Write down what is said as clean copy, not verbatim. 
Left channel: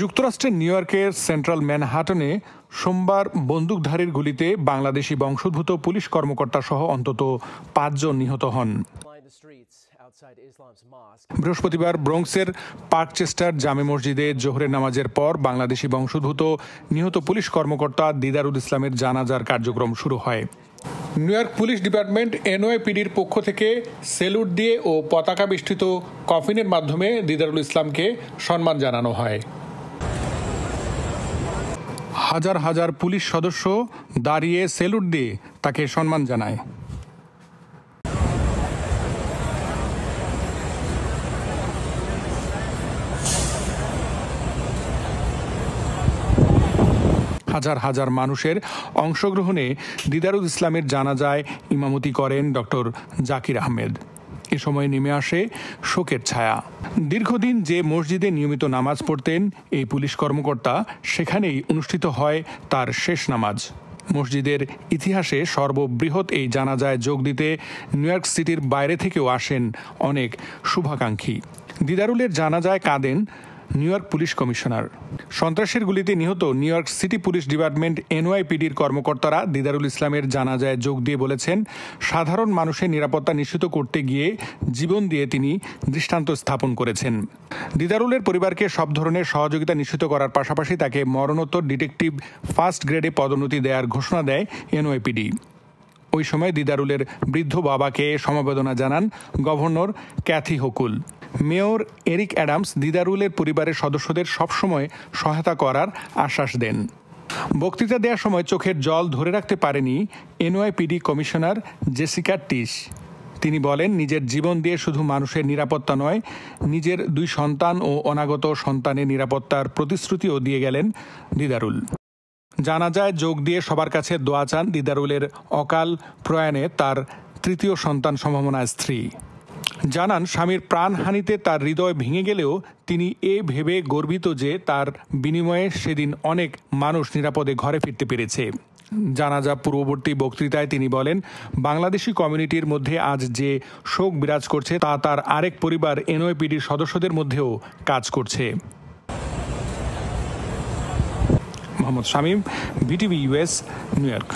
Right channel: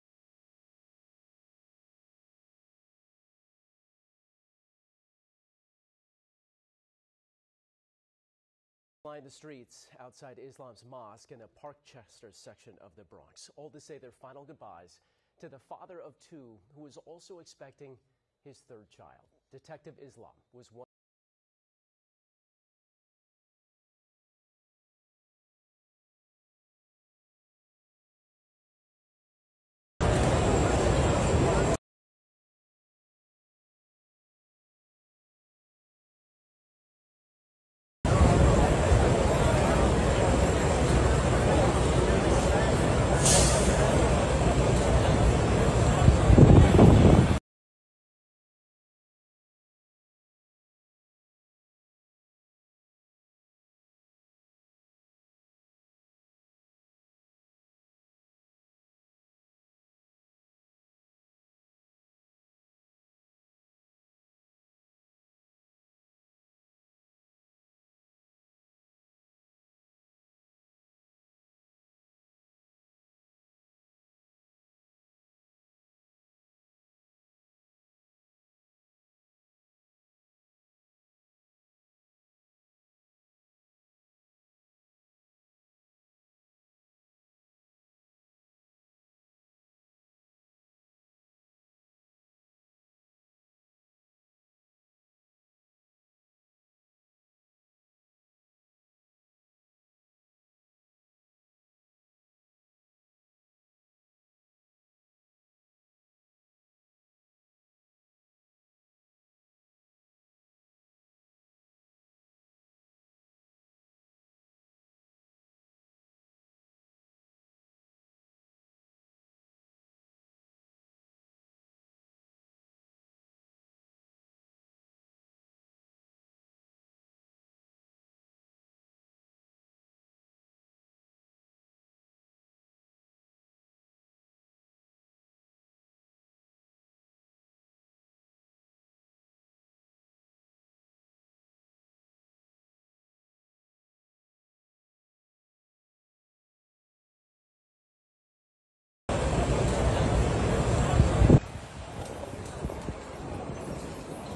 যুক্তরাষ্ট্রের নিউ ইয়র্কের সেন্ট্রাল ম্যানহাটনে সোমবার বন্দুকধারীর গুলিতে বাংলাদেশি বংশোদ্ভূত পুলিশ কর্মকর্তা সহ অন্তত ৫ জন নিহত হন। বৃহস্পতিবার ব্রঙ্কসের পার্কচেস্টার জামে মসজিদে জোহরের নামাজের পর বাংলাদেশি বংশোদ্ভূত নিহত পুলিশ কর্মকর্তা দিদারুল ইসলামের জানাজার কার্যক্রম শুরু হয়। নিউ ইয়র্ক পুলিশ ডিপার্টমেন্ট NYPDর পক্ষ থেকে সেলুট দিয়ে ও পতাকা বেষ্টিত কফিনের মাধ্যমে দিদারুল ইসলামকে সম্মান জানানো হয়। হাজার হাজার পুলিশ সদস্য দাঁড়িয়ে সেলুট দিয়ে তাকে সম্মান জানায়। হাজার হাজার মানুষের অংশগ্রহণে দিদারুল ইসলামের জানাজায় ইমামতি করেন ডক্টর জাকির আহমেদ। এ সময় নেমে আসে শোকের ছায়া। দীর্ঘদিন যে মসজিদে নিয়মিত নামাজ পড়তেন এই পুলিশ কর্মকর্তা, সেখানেই অনুষ্ঠিত হয় তার শেষ নামাজ। মসজিদের ইতিহাসে সর্ববৃহৎ এই জানাজায় যোগ দিতে নিউ ইয়র্ক সিটির বাইরে থেকেও আসেন অনেক শুভাকাঙ্ক্ষী। দিদারুলের জানাজায় কাঁদেন নিউ ইয়র্ক পুলিশ কমিশনার। সন্ত্রাসের গুলিতে নিহত New York City police department NYPDর কর্মকর্তারা দিদারুল ইসলামের জানাজায় যোগ দিয়ে বলেছেন, সাধারণ মানুষের নিরাপত্তা নিশ্চিত করতে গিয়ে জীবন দিয়ে তিনি দৃষ্টান্ত স্থাপন করেছেন। দিদারুলের পরিবারকে সব ধরনের সহযোগিতা নিশ্চিত করার পাশাপাশি তাকে মরণোত্তর ডিটেকটিভ ফার্স্ট গ্রেডে পদোন্নতি দেওয়ার ঘোষণা দেয় NYPD। ওই সময় দিদারুলের বৃদ্ধ বাবাকে সমবেদনা জানান governor Kathy Hochul. Mayor Eric Adams দিদারুলের পরিবারের সদস্যদের সবসময় সহায়তা করার আশ্বাস দেন। বক্তৃতা দেওয়ার সময় চোখের জল ধরে রাখতে পারেনি NYPD কমিশনার জেসিকা টিশ। তিনি বলেন, নিজের জীবন দিয়ে শুধু মানুষের নিরাপত্তা নয়, নিজের 2 সন্তান ও অনাগত সন্তানের নিরাপত্তার প্রতিশ্রুতিও দিয়ে গেলেন দিদারুল। জানাজায় যোগ দিয়ে সবার কাছে দোয়া চান দিদারুলের অকাল প্রয়াণে তার 3য় সন্তান সম্ভাবনা স্ত্রী। জানান, স্বামীর প্রাণহানিতে তার হৃদয় ভেঙে গেলেও তিনি ভেবে গর্বিত যে তার বিনিময়ে সেদিন অনেক মানুষ নিরাপদে ঘরে ফিরতে পেরেছে। জানাজা পূর্ববর্তী বক্তৃতায় তিনি বলেন, বাংলাদেশি কমিউনিটির মধ্যে আজ যে শোক বিরাজ করছে তা তার আরেক পরিবার NYPDর সদস্যদের মধ্যেও কাজ করছে। Mohammad Shamim, BTV US, new York.